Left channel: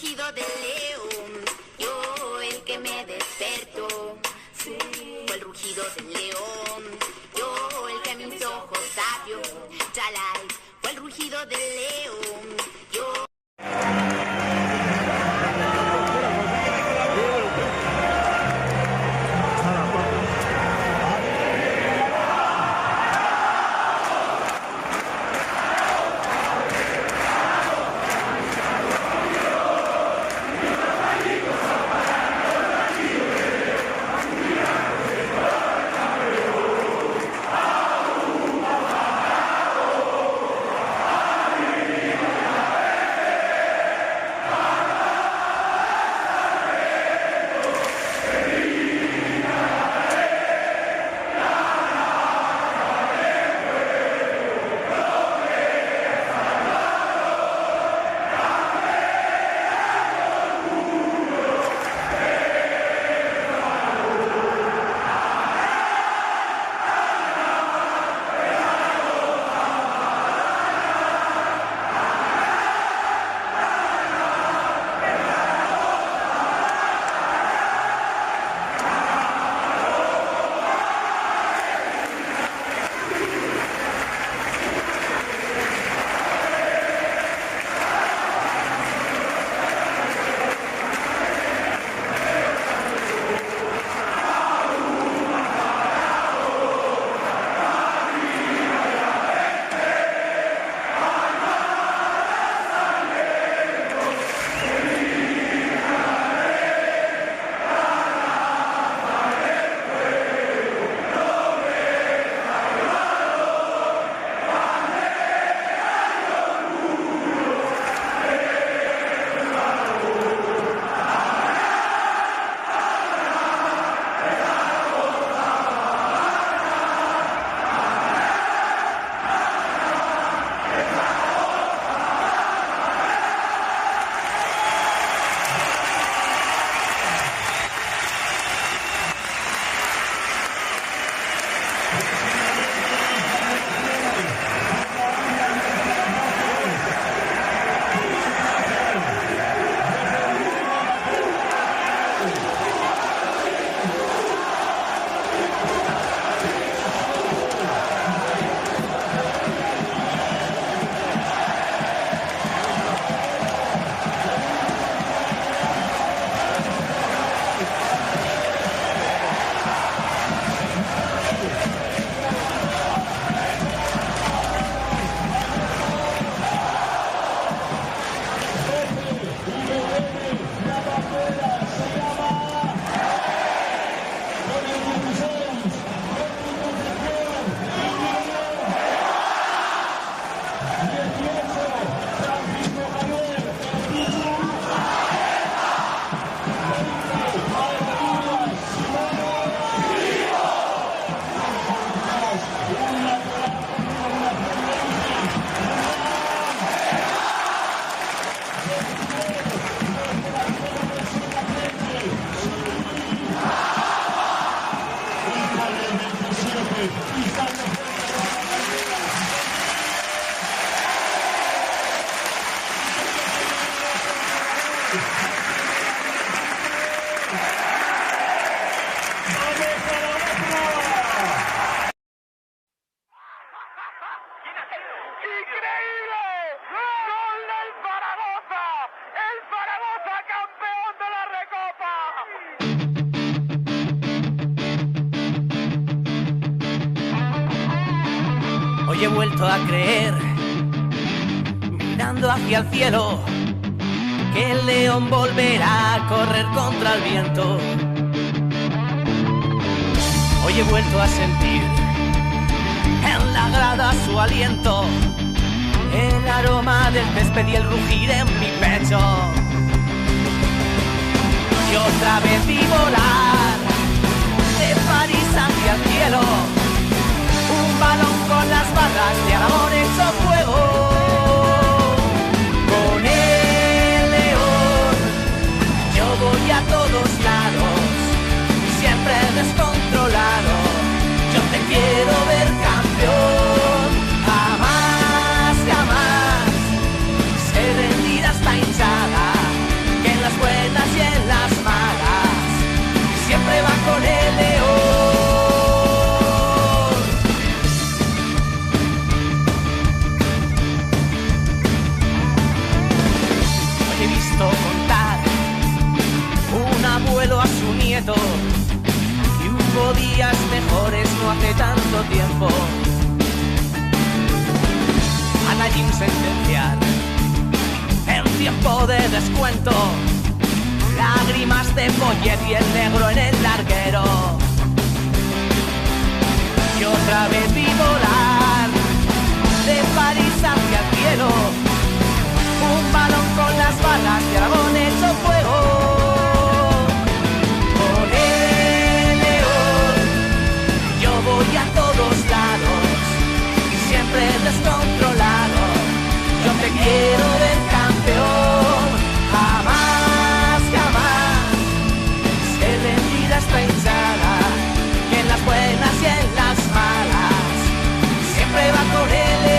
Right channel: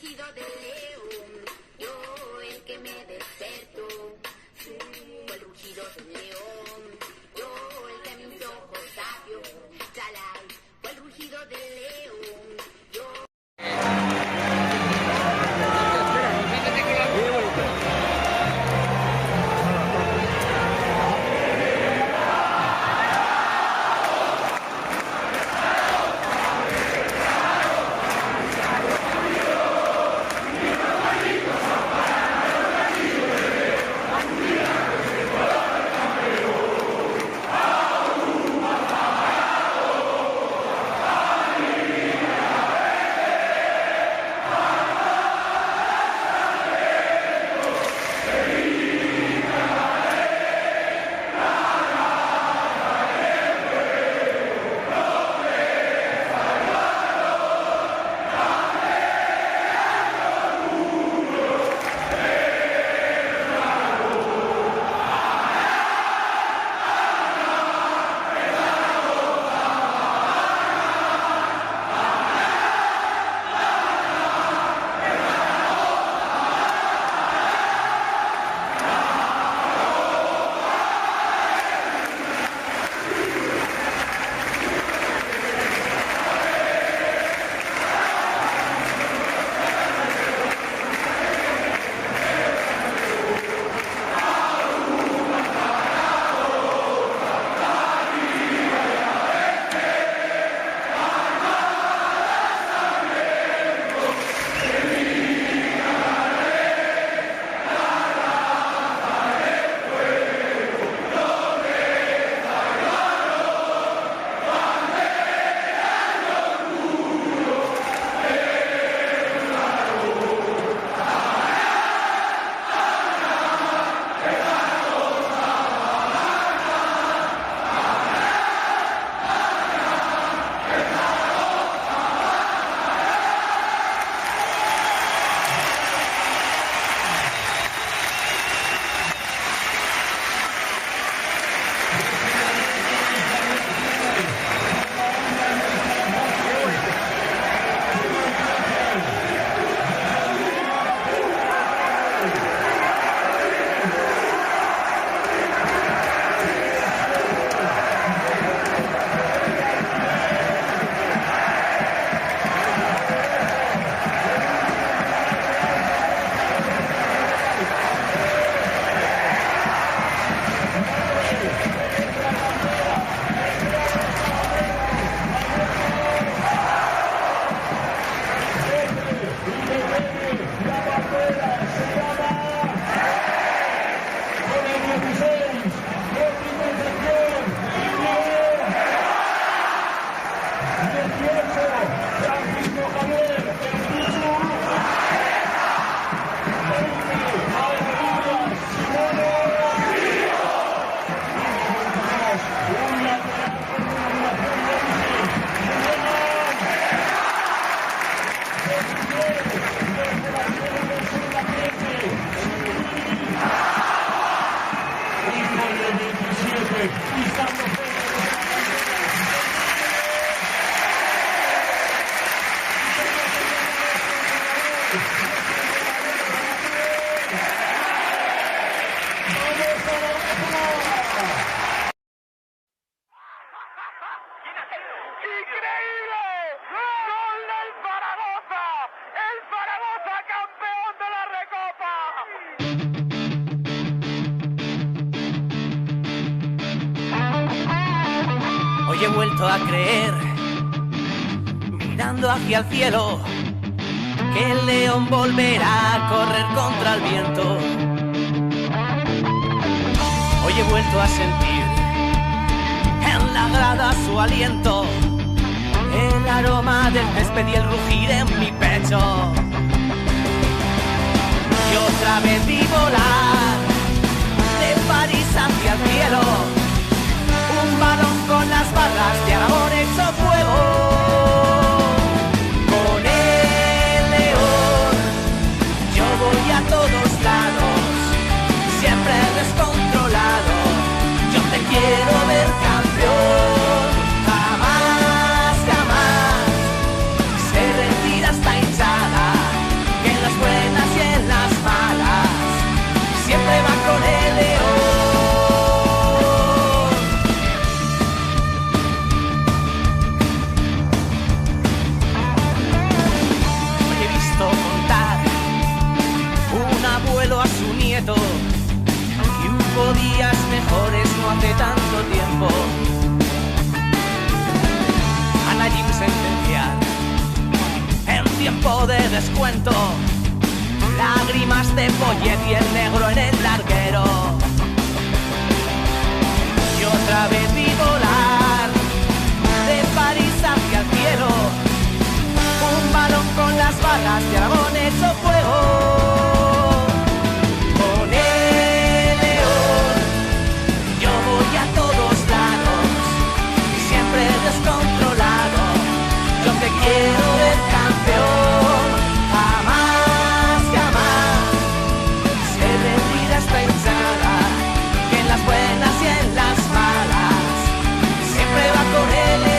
rugido del león, yo el que me despertó. Fue el rugido del león, yo el que mis ojos abrió. Chalai, fue el rugido del león, yo. Hoy he vuelto a creer, mirando hacia el cielo, que el león volverá a correr contra el viento. Hoy he vuelto a sentir en la grada su aliento, el aroma del césped y el rugir en mi pecho. Y otra vez vi volar de París hacia el cielo un balón con las barras de Aragón hecho fuego. Con el león yo voy a todos lados, siempre descontrolado. Yo te quiero ver campeón, jamás, jamás se rendirá esta hinchada a su nieto que hubo días mejores no hace tanto tiempo. A la Jim sentenciar en tiempo de descuento, lágrimas de Poyet y el negro en el larguero. Y otra vez vi volar de París hacia el cielo un balón con las balas de Aragón hecho fuego. Con el león yo voy a todos lados, siempre descontrolado. Yo te quiero ver campeón, jamás, jamás se rendirá esta hinchada, que en las buenas y en las malas siempre va con el león.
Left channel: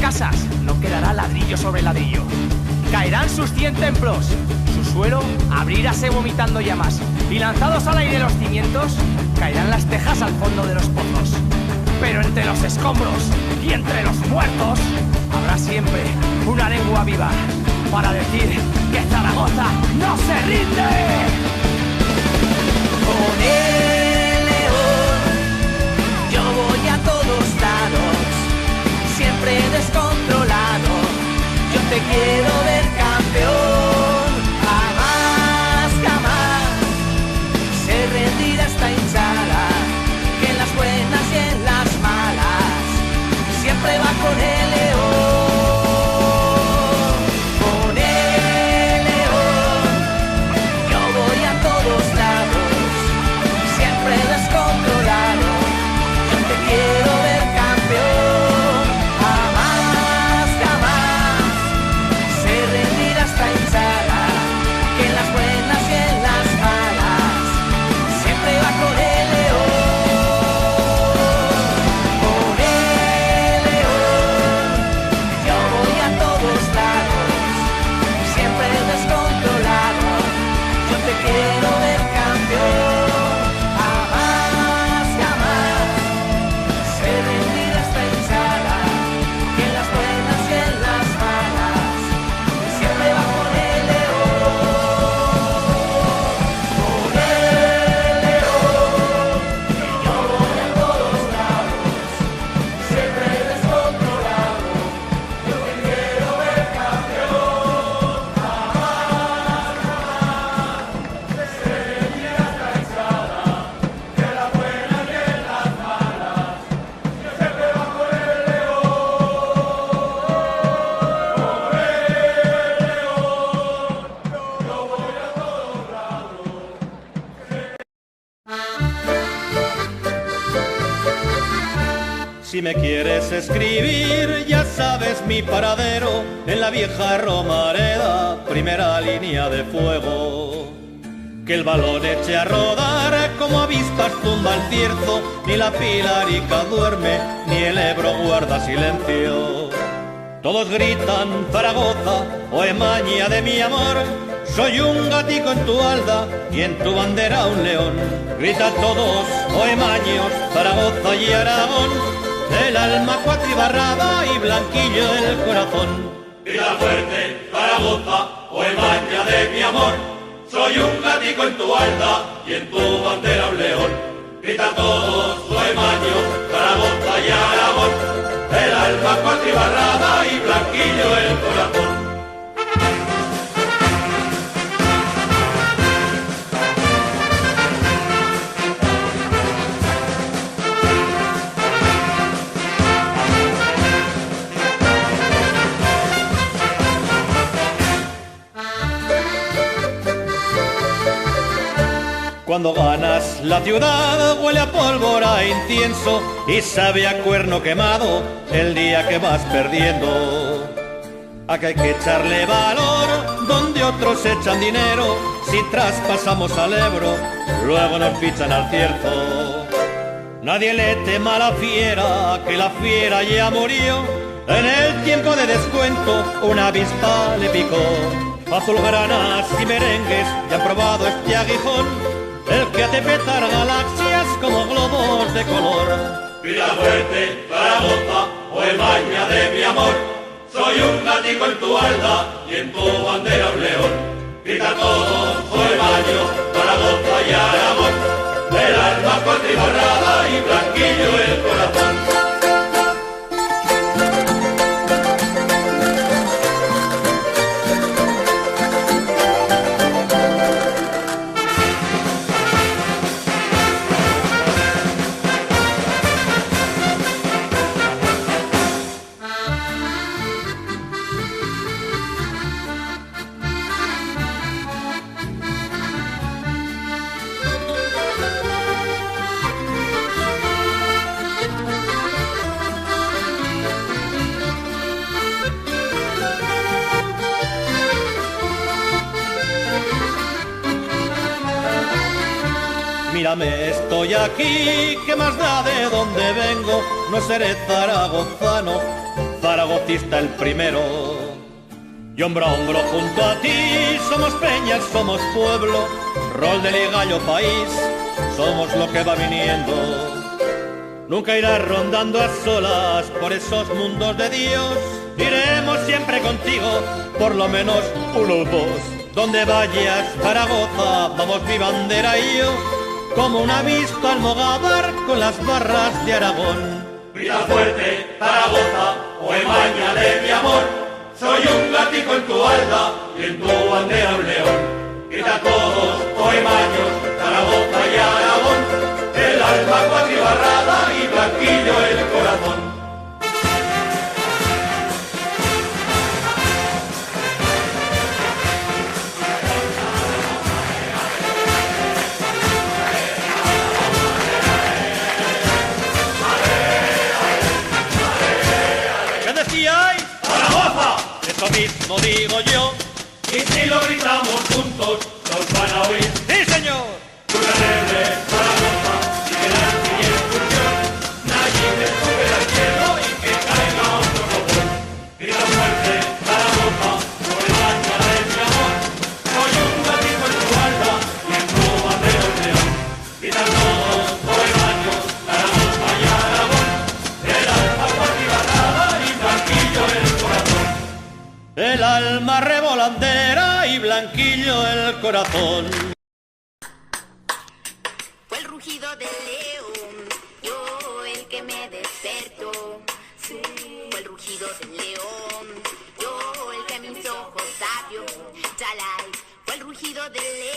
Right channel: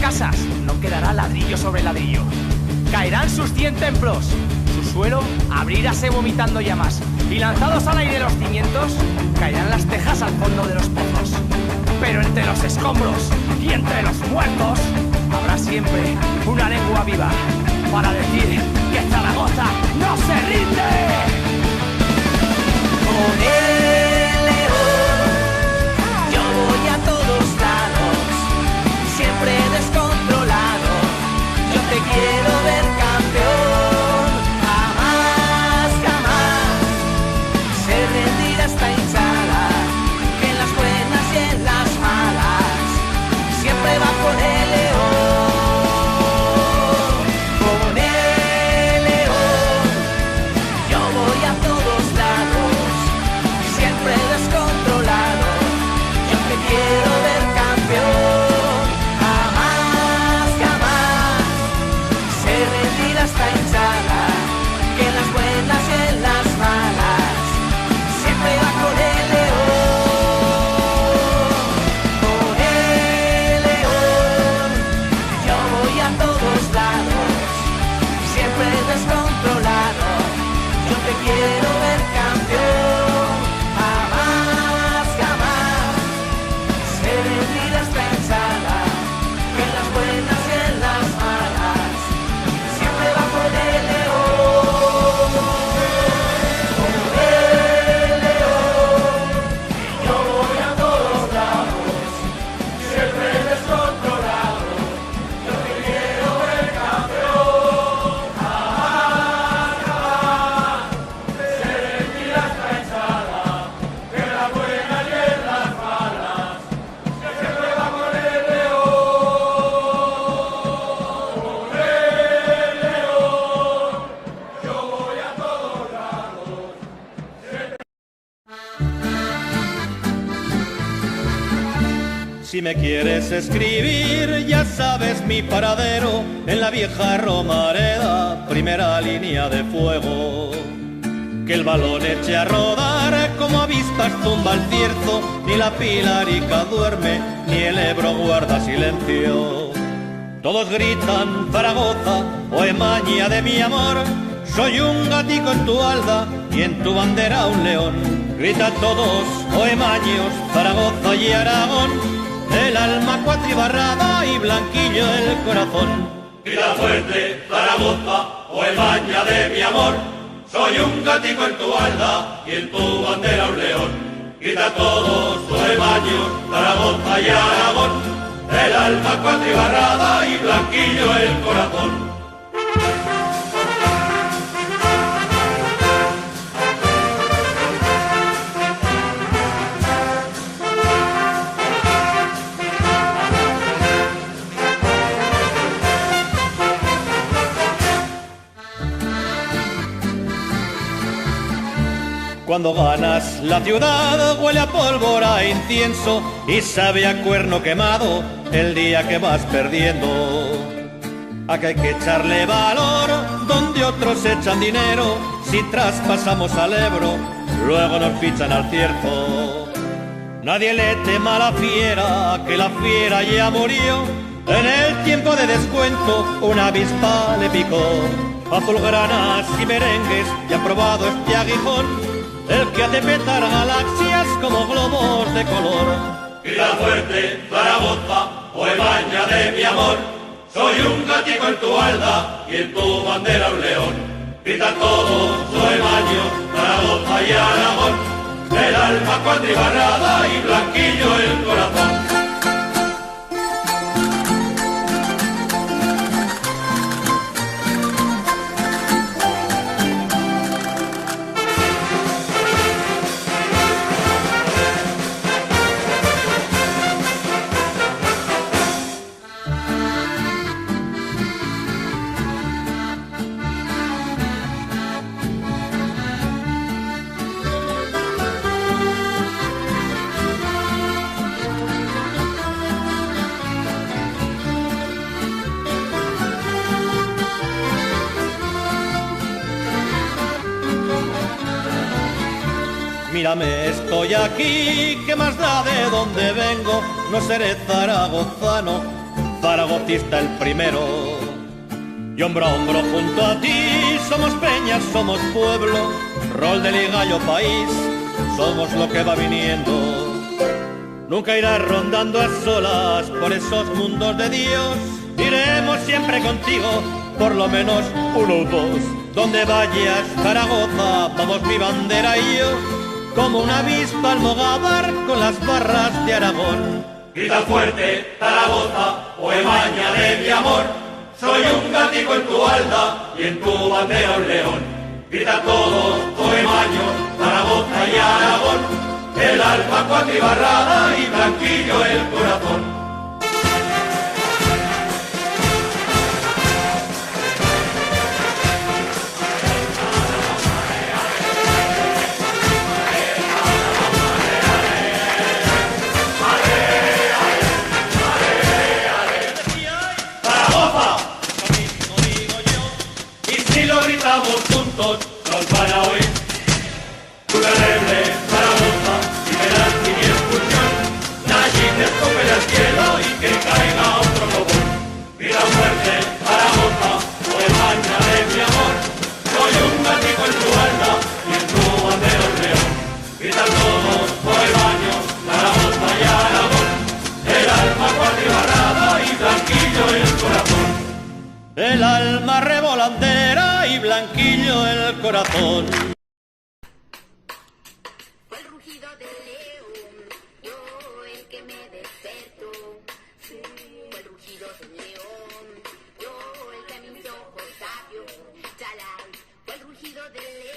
Casas no quedará ladrillo sobre ladrillo. Caerán sus 100 templos, su suelo abrirase vomitando llamas, y lanzados al aire los cimientos, caerán las tejas al fondo de los pozos. Pero entre los escombros y entre los muertos habrá siempre una lengua viva para decir que Zaragoza no se rinde. Con el león yo voy a todos lados, siempre descontrolado. Yo te quiero ver campeón, jamás, jamás se rendirá esta hinchada, que en las buenas y en las malas siempre va con el león. Con el león yo voy a todos lados, siempre descontrolado. Yo te quiero ver campeón, esta hinchada, que en las buenas y en las malas siempre va con el león. Con el león yo voy a todos lados, siempre descontrolado. Yo te quiero ver campeón, jamás, jamás se rendirá esta hinchada, que en las buenas y en las malas siempre va con el león. Con el león yo voy a todos lados, siempre descontrolado. Yo te quiero ver campeón, jamás, jamás se rendirá esta hinchada, que en las buenas y en las malas siempre va con el león. Si me quieres escribir, ya sabes mi paradero, en la vieja Romareda, primera línea de fuego. Que el balón eche a rodar, como avispas tumba el cierzo, ni la Pilarica duerme, ni el Ebro guarda silencio. Todos gritan Zaragoza, o Emaña de mi amor, soy un gatico en tu alda, y en tu bandera un león. Gritan todos, o Emaños, Zaragoza y Aragón, el alma cuatribarrada y blanquillo el corazón. Grita fuerte, Zaragoza, o Emaña de mi amor, soy un gatico en tu alda y en tu bandera un león. Grita todos, o Emaños, Zaragoza y Aragón, el alma cuatribarrada y blanquillo el corazón. Cuando ganas la ciudad huele a pólvora e incienso y sabe a cuerno quemado el día que vas perdiendo. A que hay que echarle valor donde otros echan dinero. Si traspasamos al Ebro, luego nos fichan al Cierzo. Nadie le tema a la fiera, que la fiera ya murió. En el tiempo de descuento una avispa le picó. Azulgranas y merengues ya han probado este aguijón, el que hace petar galaxias como globos de color. Vida fuerte, Zaragoza, Oemaña de mi amor. Soy un gatico en tu alda y en tu bandera un león. Grita todo, Oemaño, Zaragoza y Aragón. El alma cuatribarrada y blanquillo el corazón. Mírame, estoy aquí, ¿qué más da de dónde vengo? No seré zaragozano, zaragocista el primero. Y hombro a hombro junto a ti, somos peñas, somos pueblo, rol de ligallo país, somos lo que va viniendo. Nunca irás rondando a solas por esos mundos de Dios, iremos siempre contigo, por lo menos uno o dos. Donde vayas, Zaragoza, vamos mi bandera y yo, como una avispa almogávar con las barras de Aragón. Grita fuerte, Zaragoza, Oemaña de mi amor. Soy un gatico en tu alda y en tu bandera un león. Grita todos, Oemaños, Zaragoza y Aragón. El alma cuatribarrada y blanquillo el corazón. Nos van a oír. ¡Sí, señor! Una rebelde, Zaragoza, que la sin expulsión. Nadie te toque al cielo y que caiga otro cobón. Vida fuerte, Zaragoza, Oemaña de mi amor. Soy un gatito en tu alda y en tu bandera un león. Vida todos, Oemaños, Zaragoza y Aragón. El alma cuatribarrada y blanquillo el corazón. El alma revolandera y blanquillo el corazón. Fue el rugido del león, yo el que me despertó. Fue el rugido del león, yo el que mis ojos abrió. Chalay, fue el rugido del león.